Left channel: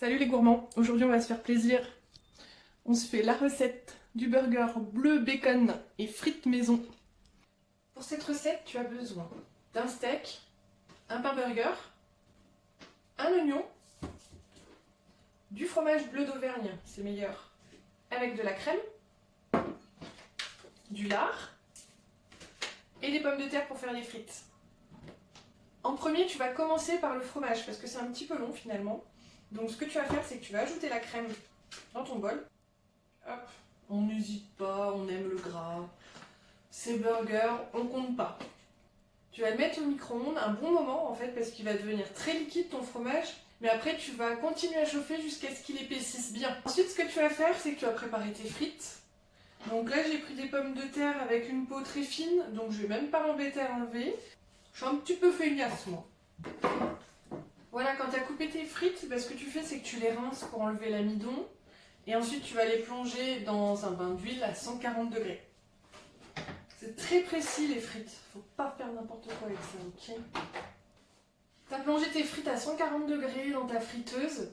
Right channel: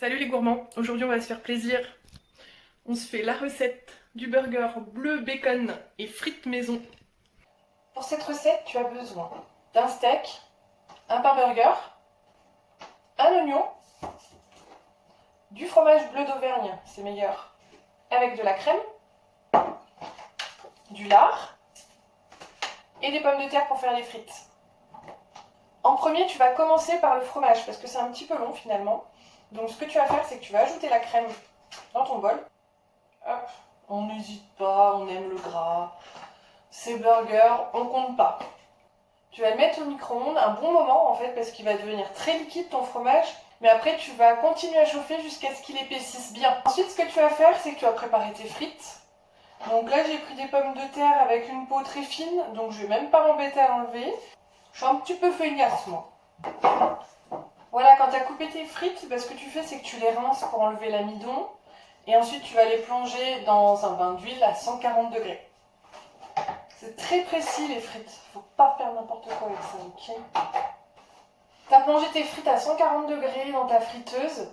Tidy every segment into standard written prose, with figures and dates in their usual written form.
Salut les gourmands, aujourd'hui on va se faire plaisir. On se fait la recette du burger bleu bacon et frites maison. Pour cette recette, tu as besoin d'un steak, un pain burger, un oignon, du fromage bleu d'Auvergne, c'est meilleur, avec de la crème, du lard et des pommes de terre pour faire les frites. En premier, tu vas commencer par le fromage parce que c'est un petit peu long finalement. Donc ce que tu vas faire, c'est que tu vas ajouter la crème dans ton bol. Hop, on n'hésite pas, on aime le gras. Ces burgers, on compte pas. Tu vas le mettre au micro-ondes un bon moment en fait parce qu'il va devenir très liquide ton fromage. Mais après tu vas continuer à chauffer jusqu'à ce qu'il épaississe bien. Ensuite ce que tu vas faire, c'est que tu vas préparer tes frites. Donc là j'ai pris des pommes de terre avec une peau très fine, donc je vais même pas m'embêter à l'enlever. Je suis un petit peu feignasse moi. Voilà, quand tu as coupé tes frites, ce que tu fais c'est que tu les rinces pour enlever l'amidon. Et ensuite tu vas les plonger dans un bain d'huile à 140 degrés. C'est très précis les frites, faut pas faire n'importe quoi avec ça, ok? Tu as plongé tes frites à 140 degrés dans ta friteuse.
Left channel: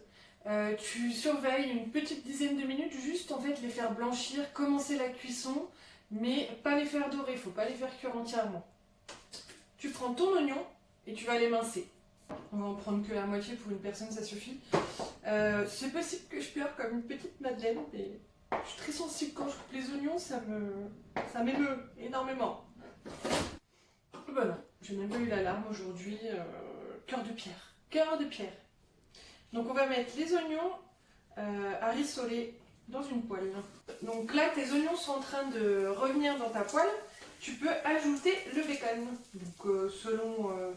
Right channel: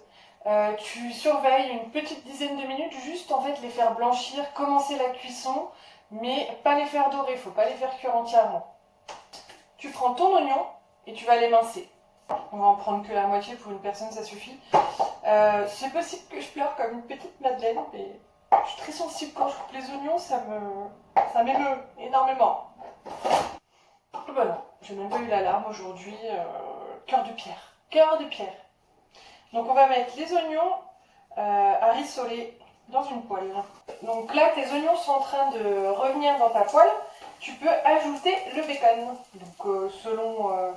Tu surveilles une petite dizaine de minutes, juste en fait les faire blanchir, commencer la cuisson, mais pas les faire dorer, faut pas les faire cuire entièrement. Tu prends ton oignon et tu vas l'émincer. On va en prendre que la moitié, pour une personne ça suffit. C'est possible que je pleure comme une petite madeleine, mais je suis très sensible quand je coupe les oignons, ça m'émeut énormément. Ben non, j'ai même pas eu l'alarme aujourd'hui. Cœur de pierre. Cœur de pierre. Donc on va mettre les oignons à rissoler dans une poêle. Donc là, tes oignons sont en train de revenir dans ta poêle. Tu peux ajouter le bacon. Donc selon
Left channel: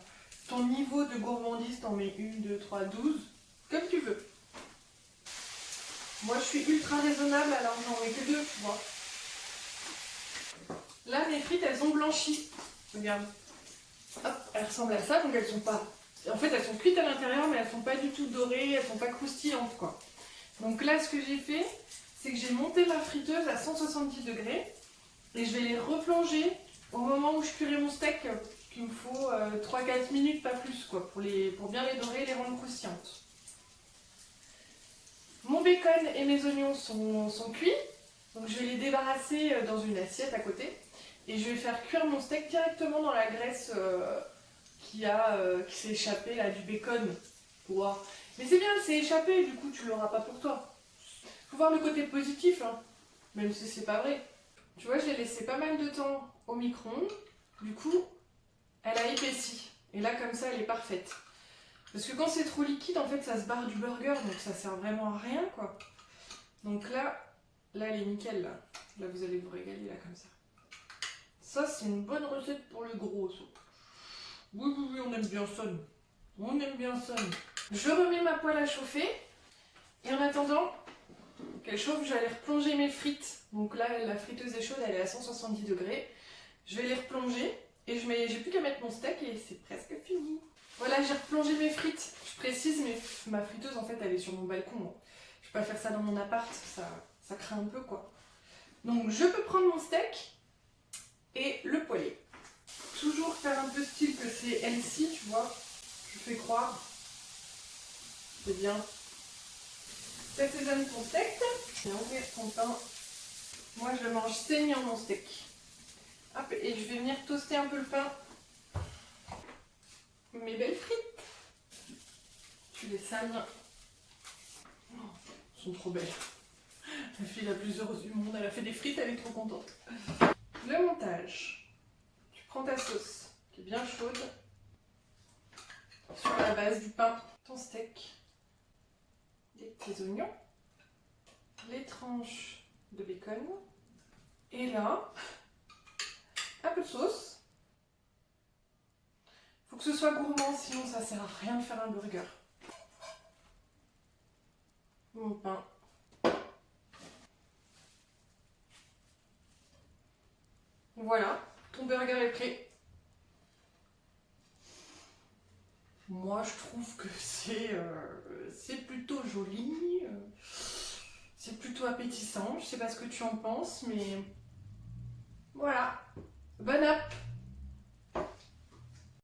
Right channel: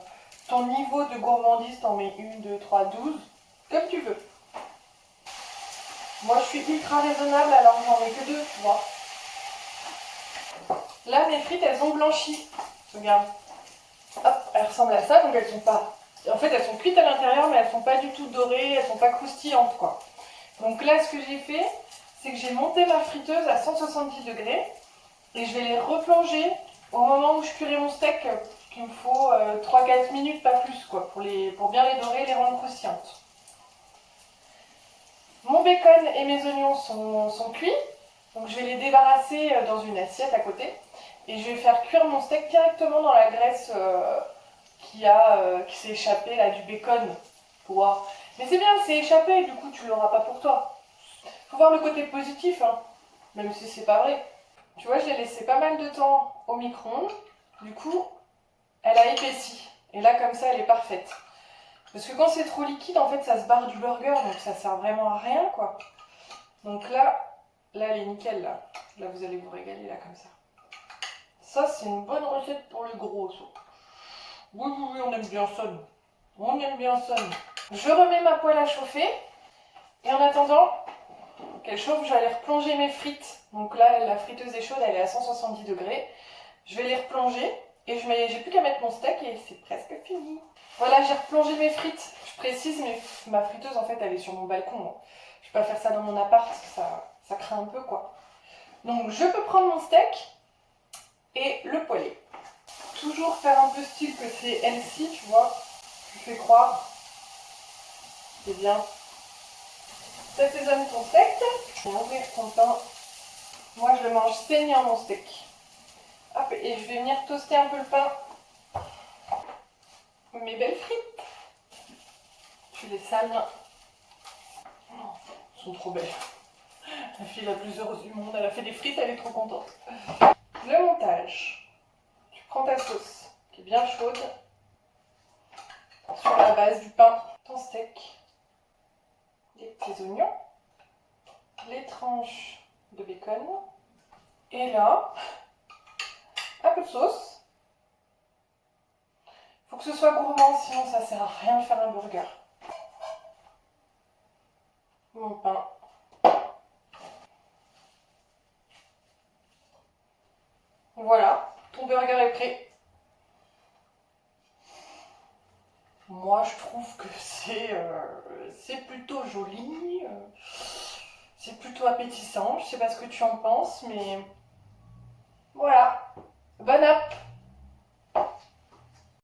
ton niveau de gourmandise, t'en mets 1, 2, 3, 12, comme tu veux. Moi je suis ultra raisonnable, alors j'en mets que 2, tu vois. Là mes frites elles ont blanchi. Regarde. Hop, elles ressemblent à ça, donc elles sont pas... En fait elles sont cuites à l'intérieur, mais elles sont pas du tout dorées, elles sont pas croustillantes quoi. Donc là ce que j'ai fait, c'est que j'ai monté ma friteuse à 170 degrés et je vais les replonger au moment où je cuirai mon steak, qu'il me faut 3-4 minutes, pas plus quoi, pour bien les dorer et les rendre croustillantes. Mon bacon et mes oignons sont cuits, donc je vais les débarrasser dans une assiette à côté et je vais faire cuire mon steak directement dans la graisse qui s'est échappée là du bacon. Wow. Mais c'est bien, c'est échappé, du coup tu l'auras pas pour toi. Faut voir le côté positif, hein, même si c'est pas vrai. Tu vois, je l'ai laissé pas mal de temps au micro-ondes, du coup elle a épaissi et là comme ça elle est parfaite. Parce que quand c'est trop liquide, en fait, ça se barre du burger, donc ça sert vraiment à rien, quoi. Donc là elle est nickel, là. Là, vous allez vous régaler, là, comme ça. Ça, c'est une bonne recette pour le gros, ça. Oui, oui, oui, on aime bien ça, nous. On aime bien ça, nous. Je remets ma poêle à chauffer. Et en attendant qu'elle chauffe, j'allais replonger mes frites. Donc là, la friteuse est chaude, elle est à 170 degrés. Je vais les replonger. Et j'ai plus qu'à mettre mon steak et c'est presque fini. Voilà, j'ai replongé mes frites. Je précise, ma friteuse, en fait, elle est sur mon balcon. Je vais pas faire ça dans mon appart, ça craint un peu, quoi. Donc, je peux prendre mon steak et le poêler. Toujours faire un peu style que c'est healthy, tu vois. Je fais croire. C'est bien. T'assaisonnes ton steak. Je vais ouvrir ton pain. Moi, je le mange saignant, mon steak. Hop, et je vais venir toaster un peu le pain. Mes belles frites. Tu les sales. Oh, elles sont trop belles. La fille la plus heureuse du monde, elle a fait des frites, elle est trop contente. Le montage. Tu prends ta sauce qui est bien chaude sur la base du pain, ton steak, les petits oignons, les tranches de bacon, et là, un peu de sauce. Faut que ce soit gourmand, sinon ça sert à rien de faire un burger. Mon pain. Voilà, ton burger est prêt. Moi, je trouve que c'est plutôt joli, c'est plutôt appétissant. Je sais pas ce que tu en penses, mais voilà. Bon app!